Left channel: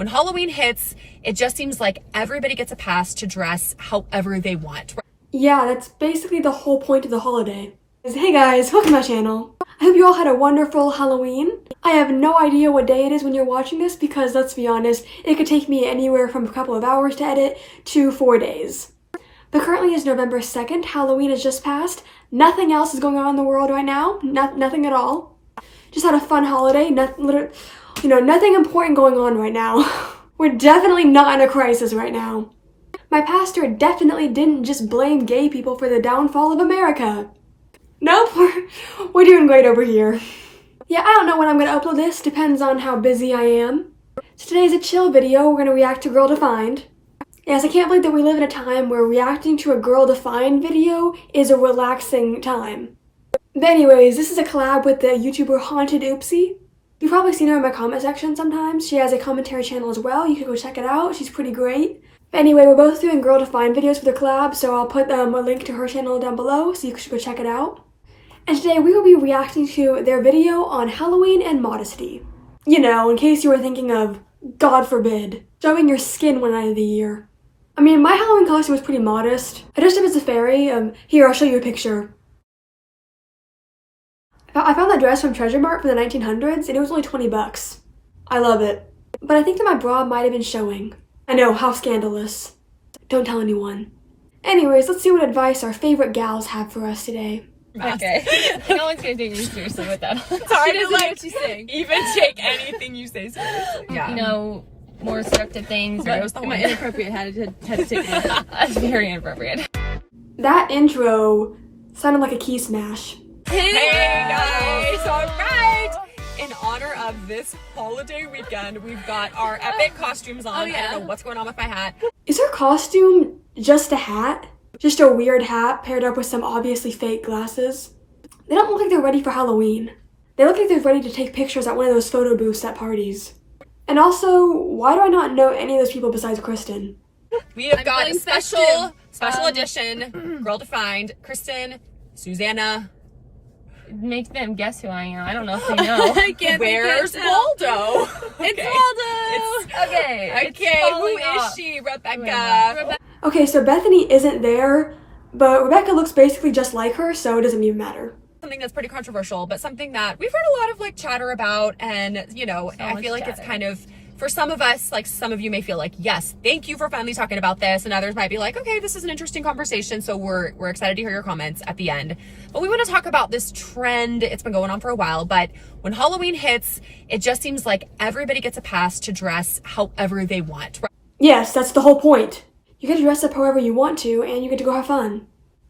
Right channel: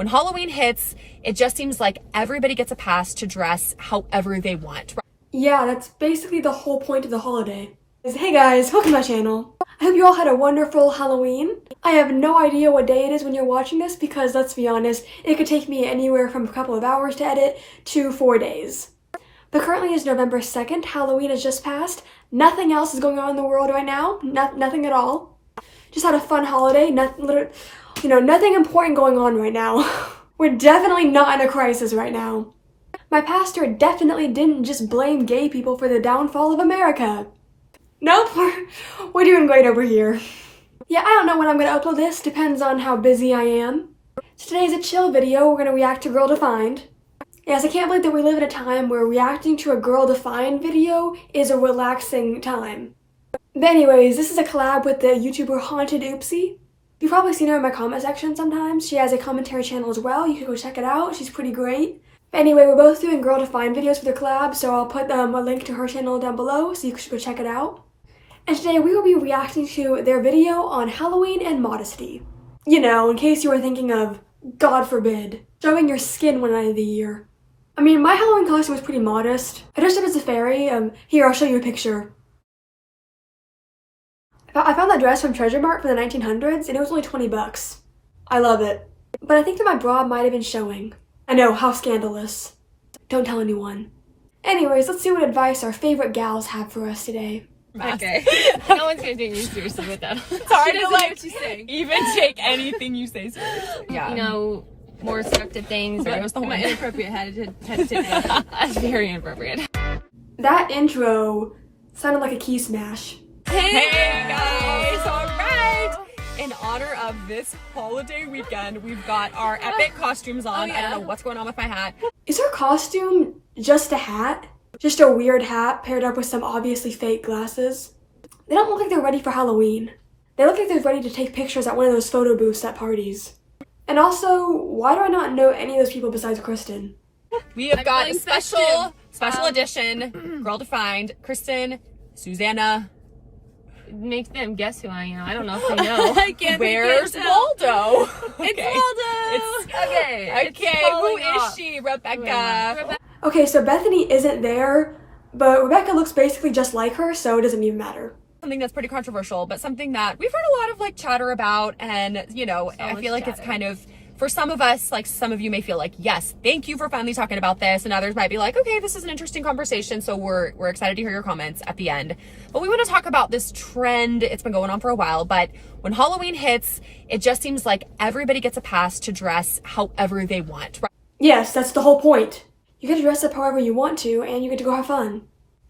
when Halloween hits, it just seems like everybody gets a pass to dress however they want. Yeah, that's basically the whole point of the holiday. Hey guys, welcome to my channel. I hope you all had a wonderful Halloween. I have no idea what day it is when you're watching this because, let's be honest, it could take me anywhere from a couple of hours to edit to 4 days. But currently it's November 2nd, Halloween has just passed. Nothing else is going on in the world right now, nothing at all. Just had a fun holiday, nothing important going on right now. We're definitely not in a crisis right now. My pastor definitely didn't just blame gay people for the downfall of America. Nope, we're doing great over here. Yeah, I don't know when I'm gonna upload this, depends on how busy I am. So today's a chill video, we're gonna react to Girl Defined. Yes, I can't believe that we live in a time where reacting to a Girl Defined video is a relaxing time. But anyways, this is a collab with the YouTuber Haunted Oopsie. You've probably seen her in my comment section sometimes. She has a commentary channel as well, you can go check it out, she's pretty great. But anyway, we're both doing Girl Defined videos for the collab, so I'll put a link to her channel down below so you should go check it out. And today we will be reacting to their video on Halloween and modesty. You know, in case you were thinking of, God forbid, showing your skin one night of the year. I mean, my Halloween costume was pretty modest. I dressed up as a fairy. Here, I'll show you a picture. I found that dress from Treasure Mart from the 1900s, and it was only 20 bucks. I love it. But I think that my bra might have been showing. I know, how scandalous. Don't tell anyone. Anyways, let's see what advice our favorite gals have for us today. Okay. No one's gonna take me seriously with that. She doesn't know what she's saying. Even take anything you say seriously. Yeah. You know, more seductive things. That was the my one. inappropriate had to take it. That's very inappropriate. That intro sounded like a key smash. Hey guys! Alright! In honor of this holiday weekend, we've got our epic costumes on. Oh, yeah. I don't know what's going on with my hat. Is her costume just a hat? Just a weird hat paired up with some obviously fake glasses? They don't look like they're ready for Halloween. They look like they're ready to take pictures at one of those photo booths at parties. And also, why do I not know any of those people besides Kristen? We have got a feeling special festive. edition, Girl Defined, Kristen, Susanna. Make them guess who I am. I don't know if they know. I can't Where's Waldo? It's Waldo! Okay. Okay, who is she? Rebecca. Okay, so Bethany isn't there, but Rebecca looks basically just like her, so it doesn't even matter. Something that's pretty controversial, but something that we've heard a lot of chatter about, and I feel like it's kind of, for some of us, some of you may feel like, yes, thank you for finally talking about this, and others might be like, okay, this is an interesting conversation, so we're excited to hear your comments at the end. But we want to talk about this trend. It's been going on for a while, but when Halloween hits, it just seems like everybody gets a pass to dress however they want. Yes, that's the whole point. You get to dress up however you want to, and you get to go have fun.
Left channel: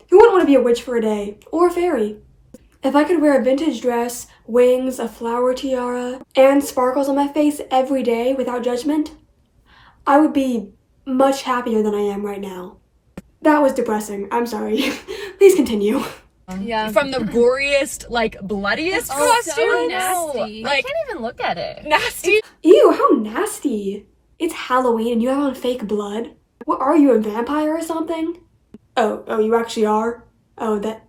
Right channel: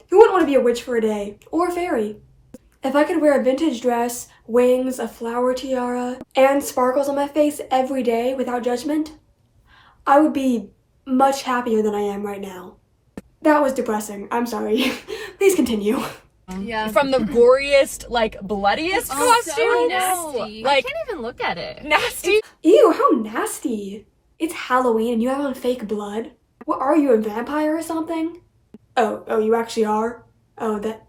Who wouldn't want to be a witch for a day? Or a fairy? If I could wear a vintage dress, wings, a flower tiara, and sparkles on my face every day without judgment, I would be much happier than I am right now. That was depressing. I'm sorry. Please continue. Yeah. From the goriest, bloodiest costume. So nasty. I can't even look at it. Nasty. Ew, how nasty. It's Halloween and you have on fake blood. What are you, a vampire or something? Oh, you actually are? Oh, that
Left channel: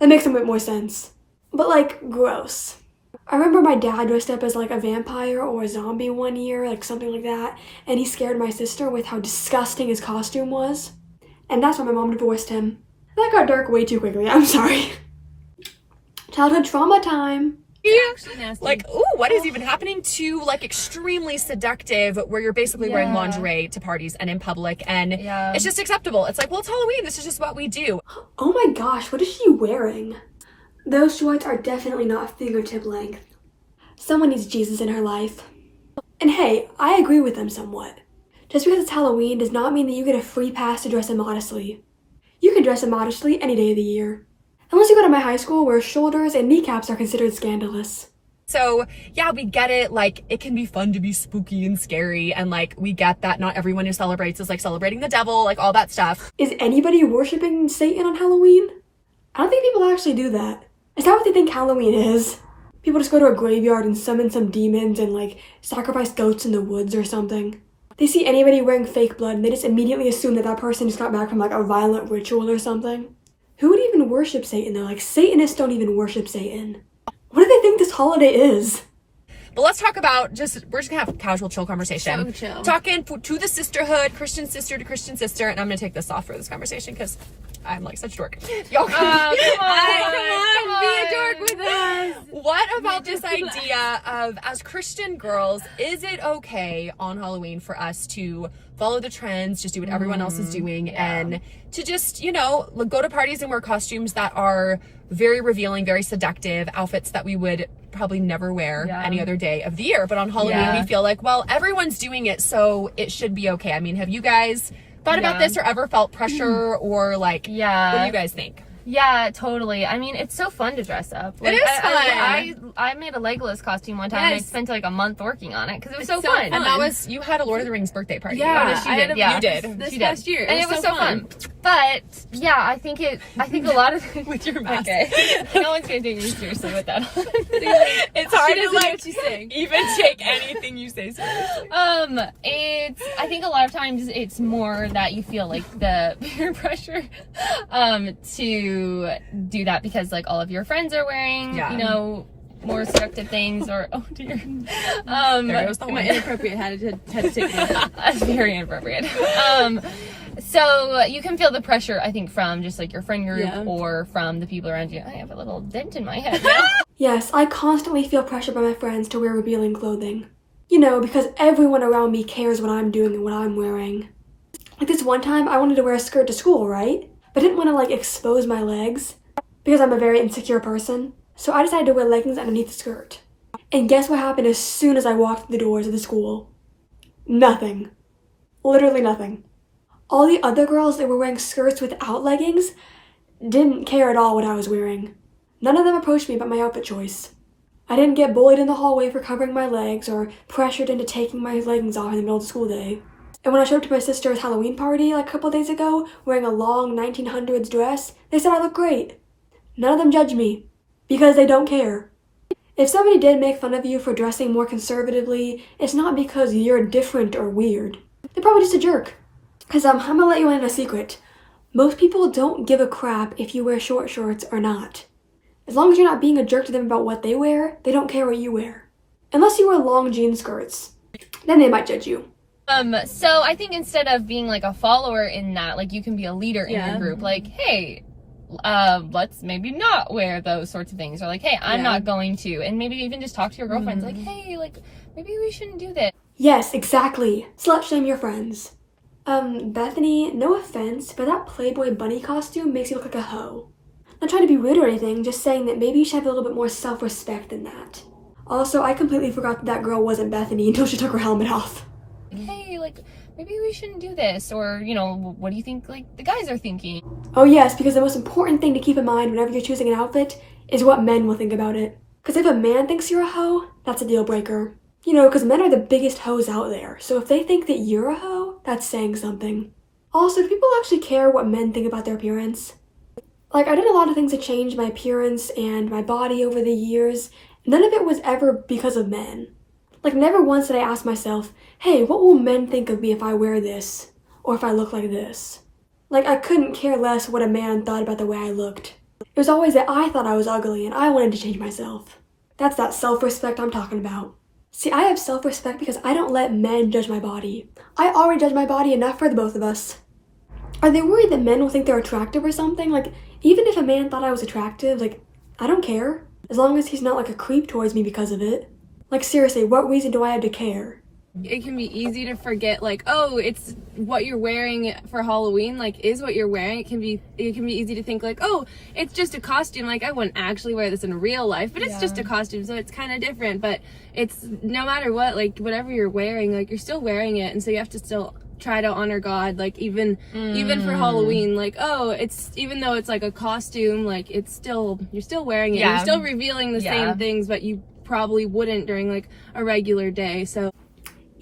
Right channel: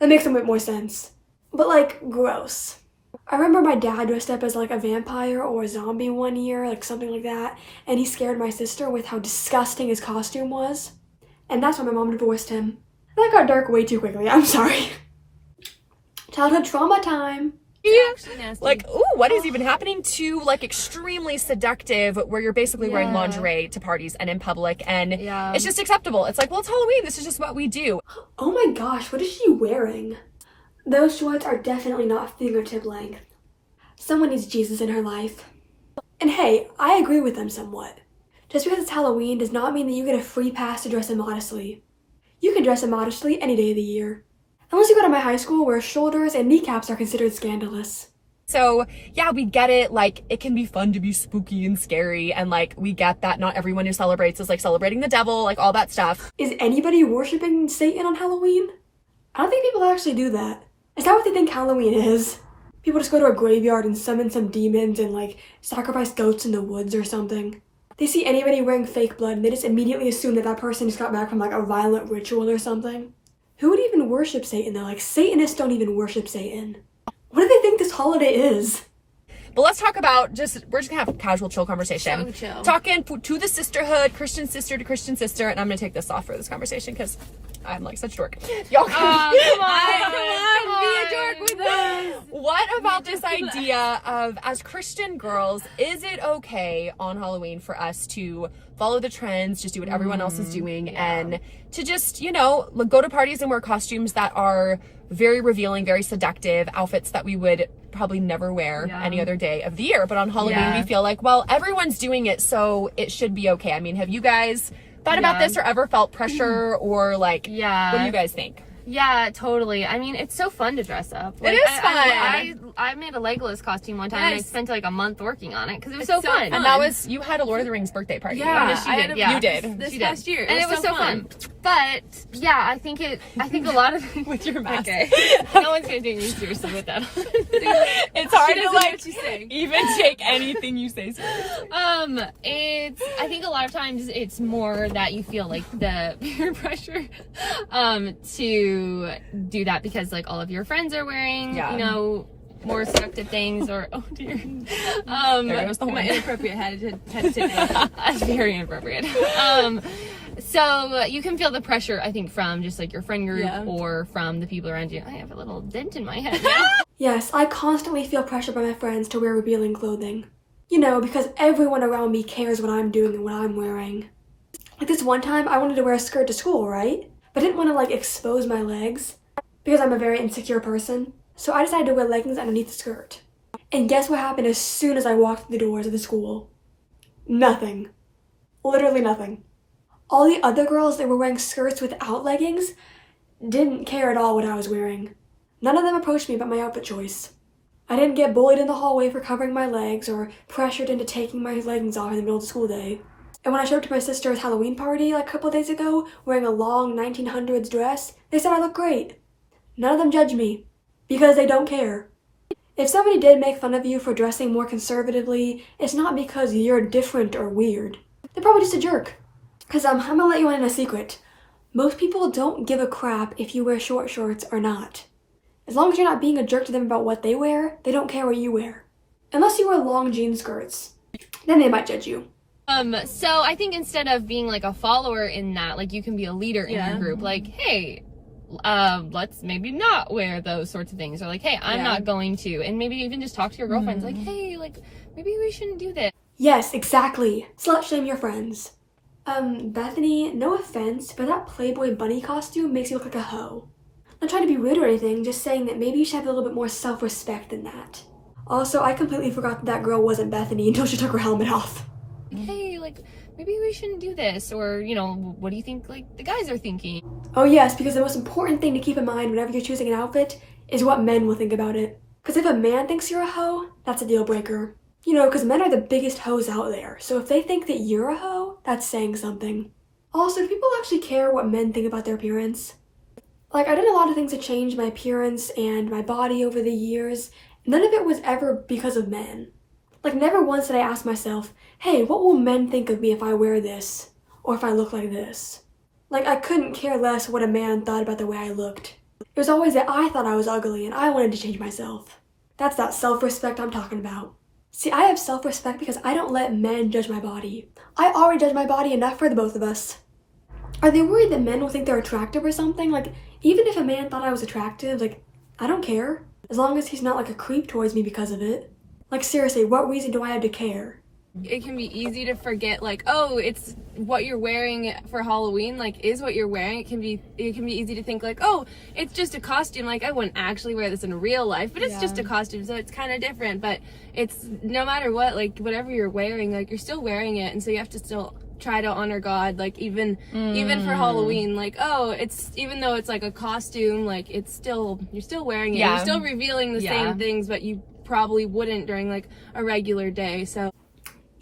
makes a bit more sense. But gross. I remember my dad dressed up as a vampire or a zombie one year, something like that, and he scared my sister with how disgusting his costume was. And that's why my mom divorced him. That got dark way too quickly, I'm sorry. Childhood trauma time. It's actually nasty. Ooh, what is even happening to extremely seductive, where you're basically wearing lingerie to parties and in public, and it's just acceptable. It's well, it's Halloween, this is just what we do. Oh my gosh, what is she wearing? Those shorts are definitely not fingertip length. Someone needs Jesus in her life. And hey, I agree with them somewhat. Just because it's Halloween does not mean that you get a free pass to dress immodestly. You can dress immodestly any day of the year. Unless you go to my high school where shoulders and kneecaps are considered scandalous. So, yeah, we get it. It can be fun to be spooky and scary, and we get that not everyone who celebrates is celebrating the devil, all that stuff. Is anybody worshiping Satan on Halloween? I don't think people actually do that. Is that what they think Halloween is? People just go to a graveyard and summon some demons and sacrifice goats in the woods or something. They see anybody wearing fake blood and they just immediately assume that that person just got back from a violent ritual or something. Who would even worship Satan though? Satanists don't even worship Satan. What do they think this holiday is? But let's talk about we're just gonna have a casual, chill conversation. So chill. Talking to the sisterhood, Christian sister to Christian sister, and I'm gonna take this off for this conversation because I'm like such a dork. Y'all Come on, be a dork with us. What about this idea of, as Christian girls, is it okay on Halloween for us to follow the trends, just do what everyone else is doing, and to just, you know, go to parties and wear costumes that are very revealing, very seductive, outfits that we would probably never wear any other day of the year. But on Halloween, we feel like, well, everyone's doing it, so it should be okay. I mean, have you guys thought about this or ever felt pressure or like, what do you guys think? Yeah, totally. I mean, it's so fun to dress up. Like, it is fun. I made a Legolas costume one time and I spent like a month working on it because it was so fun. And that was, you had a Lord of the Rings birthday party. Yeah, right? You did. This past year. And it was so fun. But yeah, I think a lot of with your mask. Okay. No one's gonna take me seriously with that. It's hard she to doesn't like, know what she's saying. Even take anything you say seriously. I think a lot of times it's more that you feel like the peer pressure to do that because like all of your friends are wearing, you know, more seductive things or oh dear. My inappropriate had to take it off. That's very inappropriate. So you can feel the pressure, I think, from just like your friend group or from the people around you. I have a little dent in my head now. Yes, I constantly feel pressure by my friends to wear revealing clothing. You know, because everyone around me cares what I'm doing and what I'm wearing. Like this one time, I wanted to wear a skirt to school, right? But I didn't want to like expose my legs because I'm a very insecure person. So I decided to wear leggings underneath the skirt. And guess what happened as soon as I walked through the doors of the school? Nothing. Literally nothing. All the other girls that were wearing skirts without leggings didn't care at all what I was wearing. None of them approached me about my outfit choice. I didn't get bullied in the hallway for covering my legs or pressured into taking my leggings off in the middle of the school day. And when I showed up to my sister's Halloween party like a couple of days ago, wearing a long 1900s dress, they said I looked great. None of them judged me, because they don't care. If somebody did make fun of you for dressing more conservatively, it's not because you're different or weird. They're probably just a jerk. Because I'm gonna let you in a secret. Most people don't give a crap if you wear short shorts or not. As long as you're not being a jerk to them about what they wear, they don't care what you wear. Unless you wear long jean skirts. Then they might judge you. So I think instead of being like a follower in that, like you can be a leader in your group. Like, hey, let's maybe not wear those sorts of things. Or like, hey, I'm not going to. And maybe even just talk to your girlfriends like, hey, like, maybe we shouldn't do this. Yes, exactly. Slut shame your friends. Bethany, no offense, but that Playboy bunny costume makes you look like a hoe. Not trying to be rude or anything, just saying that maybe you should have a little bit more self-respect than that. Also, I completely forgot that girl wasn't Bethany until she took her helmet off. Hey, like, maybe we shouldn't do this. Or, you know, what do you think, like, the guys are thinking? Oh yes, because the most important thing to keep in mind whenever you're choosing an outfit is what men will think about it. Because if a man thinks you're a hoe, that's a deal breaker. You know, because men are the biggest hoes out there, so if they think that you're a hoe, that's saying something. Also, do people actually care what men think about their appearance? Like, I did a lot of things to change my appearance and my body over the years. None of it was ever because of men. Like, never once did I ask myself, hey, what will men think of me if I wear this? Or if I look like this? Like, I couldn't care less what a man thought about the way I looked. It was always that I thought I was ugly and I wanted to change myself. That's that self-respect I'm talking about. See, I have self-respect because I don't let men judge my body. I already judge my body enough for the both of us. Are they worried that men will think they're attractive or something? Like, even if a man thought I was attractive, like, I don't care. As long as he's not like a creep towards me because of it. Like, seriously, what reason do I have to care? It can be easy to forget, like, oh, it's what you're wearing for Halloween, like, is what you're wearing. It can be easy to think, like, oh, it's just a costume, like, I wouldn't actually wear this in real life, but it's just a costume, so it's kind of different. But it's, no matter what, like, whatever you're wearing, like, you're still wearing it, and so you have to still try to honor God, like, even for Halloween, like, oh, it's, even though it's like a costume, like, it's still, you're still wearing it, you're still revealing the same things, but you probably wouldn't during, like, a regular day, so.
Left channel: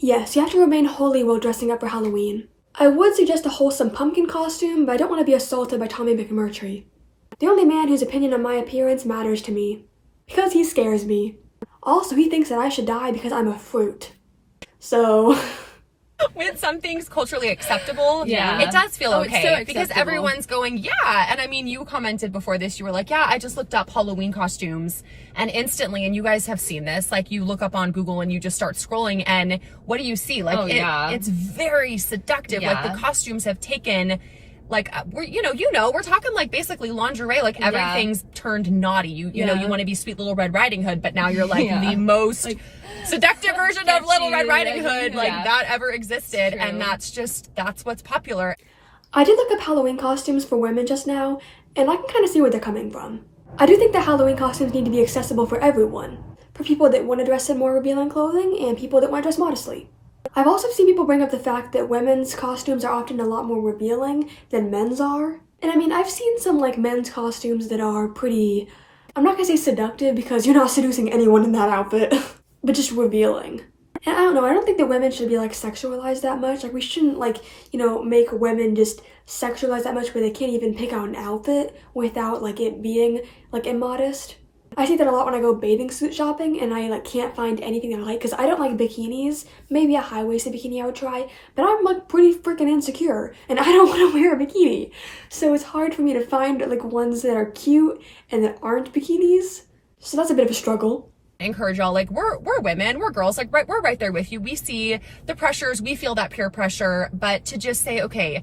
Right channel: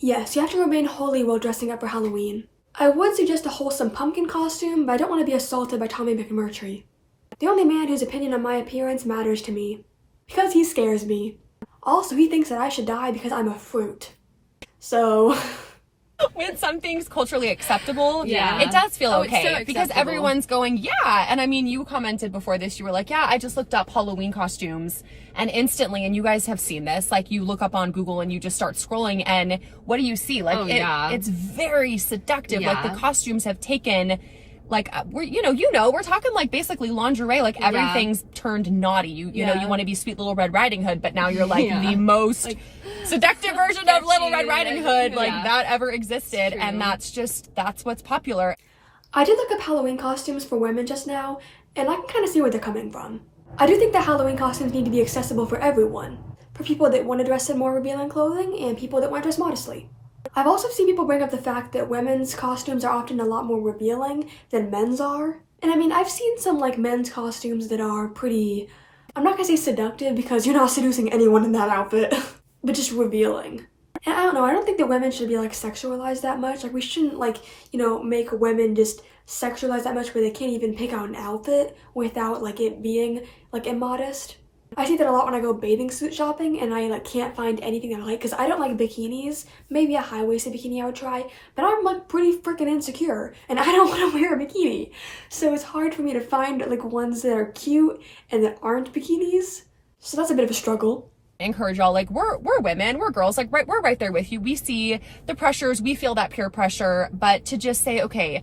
Yes, you have to remain holy while dressing up for Halloween. I would suggest a wholesome pumpkin costume, but I don't want to be assaulted by Tommy McMurtry. The only man whose opinion on my appearance matters to me. Because he scares me. Also, he thinks that I should die because I'm a fruit. So... Wait, something's culturally acceptable, it does feel Oh, okay. it's so because acceptable. everyone's going, yeah. And I mean, you commented before this, you were like, yeah, I just looked up Halloween costumes, and instantly, and you guys have seen this, like you look up on Google and you just start scrolling, and what do you see? Like, it's very seductive. Like the costumes have taken, like we're we're talking like basically lingerie, like everything's turned naughty. You know, you want to be sweet little Red Riding Hood, but now you're like the most seductive version of Little Red Riding Hood that ever existed. And that's what's popular. I did look up Halloween costumes for women just now, and I can kind of see where they're coming from. I do think that Halloween costumes need to be accessible for everyone, for people that want to dress in more revealing clothing and people that want to dress modestly. I've also seen people bring up the fact that women's costumes are often a lot more revealing than men's are. And I mean, I've seen some like men's costumes that are pretty, I'm not gonna say seductive because you're not seducing anyone in that outfit, but just revealing. And I don't know, I don't think that women should be like sexualized that much. Like we shouldn't like, make women just sexualized that much where they can't even pick out an outfit without like it being like immodest. I see that a lot when I go bathing suit shopping and I like can't find anything that I like because I don't like bikinis. Maybe a high-waisted bikini I would try, but I'm like pretty freaking insecure and I don't want to wear a bikini. So it's hard for me to find like ones that are cute and that aren't bikinis. So that's a bit of a struggle. Encourage y'all, like we're women, we're girls, like we're right there with you. We see the pressures, we feel that peer pressure, but to just say, okay,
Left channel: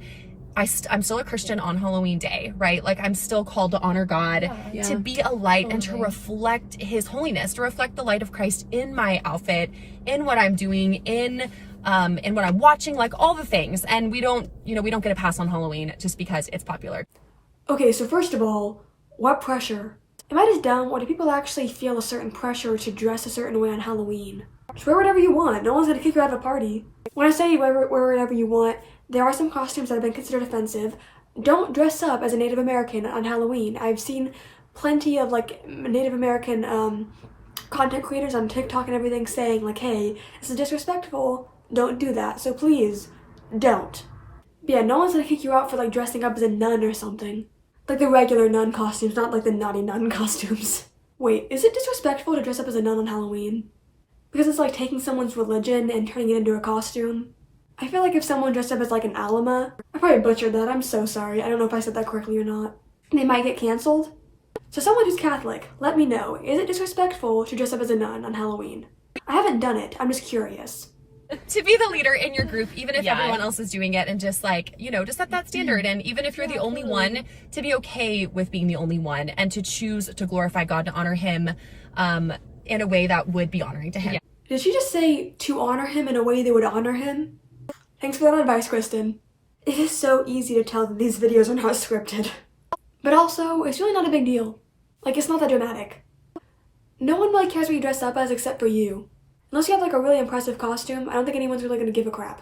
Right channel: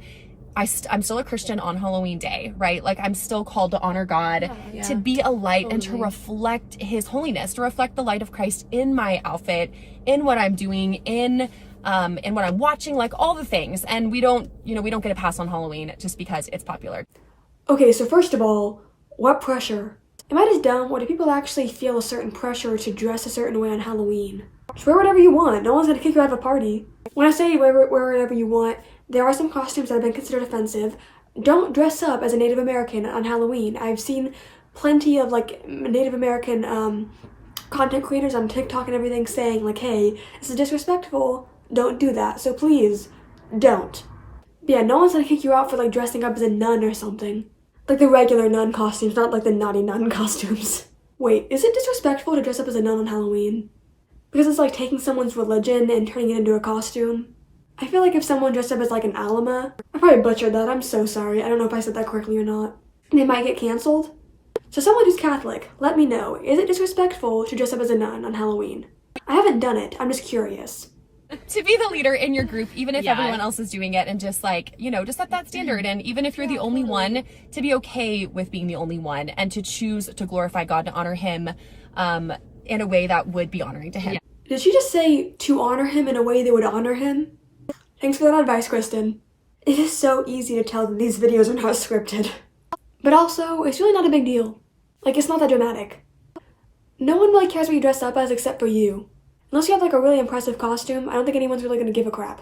I'm still a Christian on Halloween day, right? Like I'm still called to honor God, to be a light and to reflect his holiness, to reflect the light of Christ in my outfit, in what I'm doing, in what I'm watching, like all the things. And we don't get a pass on Halloween just because it's popular. Okay, so first of all, what pressure? Am I just dumb, or do people actually feel a certain pressure to dress a certain way on Halloween? Just wear whatever you want. No one's gonna kick you out of a party. When I say wear whatever you want, there are some costumes that have been considered offensive. Don't dress up as a Native American on Halloween. I've seen plenty of like Native American content creators on TikTok and everything saying like, hey, this is disrespectful. Don't do that. So please, don't. But yeah, no one's gonna kick you out for like dressing up as a nun or something. Like the regular nun costumes, not like the naughty nun costumes. Wait, is it disrespectful to dress up as a nun on Halloween? Because it's like taking someone's religion and turning it into a costume. I feel like if someone dressed up as like an Alama, I probably butchered that, I'm so sorry. I don't know if I said that correctly or not. And they might get canceled. So someone who's Catholic, let me know, is it disrespectful to dress up as a nun on Halloween? I haven't done it, I'm just curious. To be the leader in your group, even if everyone else is doing it, and just like, just set that standard. And even if you're the only one, to be okay with being the only one and to choose to glorify God, to honor him in a way that would be honoring to him. Yeah. Did she just say to honor him in a way that would honor him? Thanks for that advice, Kristen. It is so easy to tell that these videos are not scripted. But also, it's really not a big deal. Like, it's not that dramatic. No one really cares what you dress up as except for you. Unless you have like a really impressive costume, I don't think anyone's really gonna give a crap.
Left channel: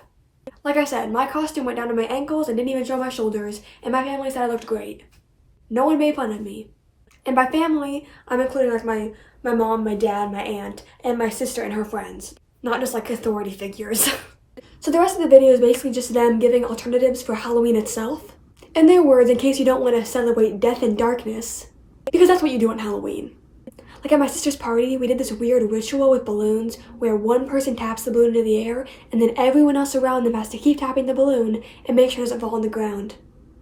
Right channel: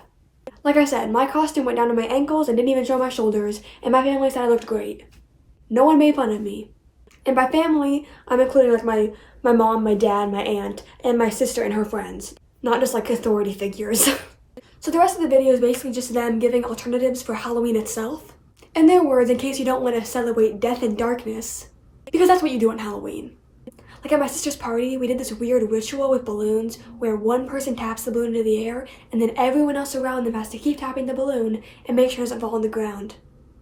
Like I said, my costume went down to my ankles and didn't even show my shoulders, and my family said I looked great. No one made fun of me. And by family, I'm including like my mom, my dad, my aunt, and my sister and her friends. Not just like authority figures. So the rest of the video is basically just them giving alternatives for Halloween itself. In their words, in case you don't want to celebrate death and darkness. Because that's what you do on Halloween. Like at my sister's party, we did this weird ritual with balloons where one person taps the balloon into the air and then everyone else around them has to keep tapping the balloon and make sure it doesn't fall on the ground.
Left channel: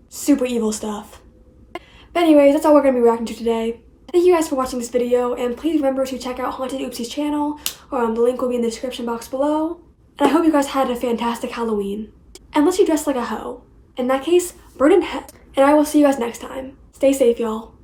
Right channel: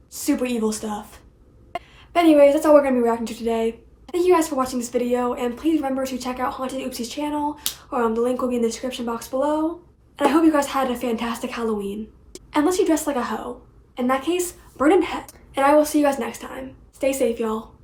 Super evil stuff. But anyways, that's all we're going to be reacting to today. Thank you guys for watching this video, and please remember to check out Haunted Oopsie's channel, or the link will be in the description box below. And I hope you guys had a fantastic Halloween. Unless you dressed like a hoe. In that case, burn in hell. And I will see you guys next time. Stay safe, y'all.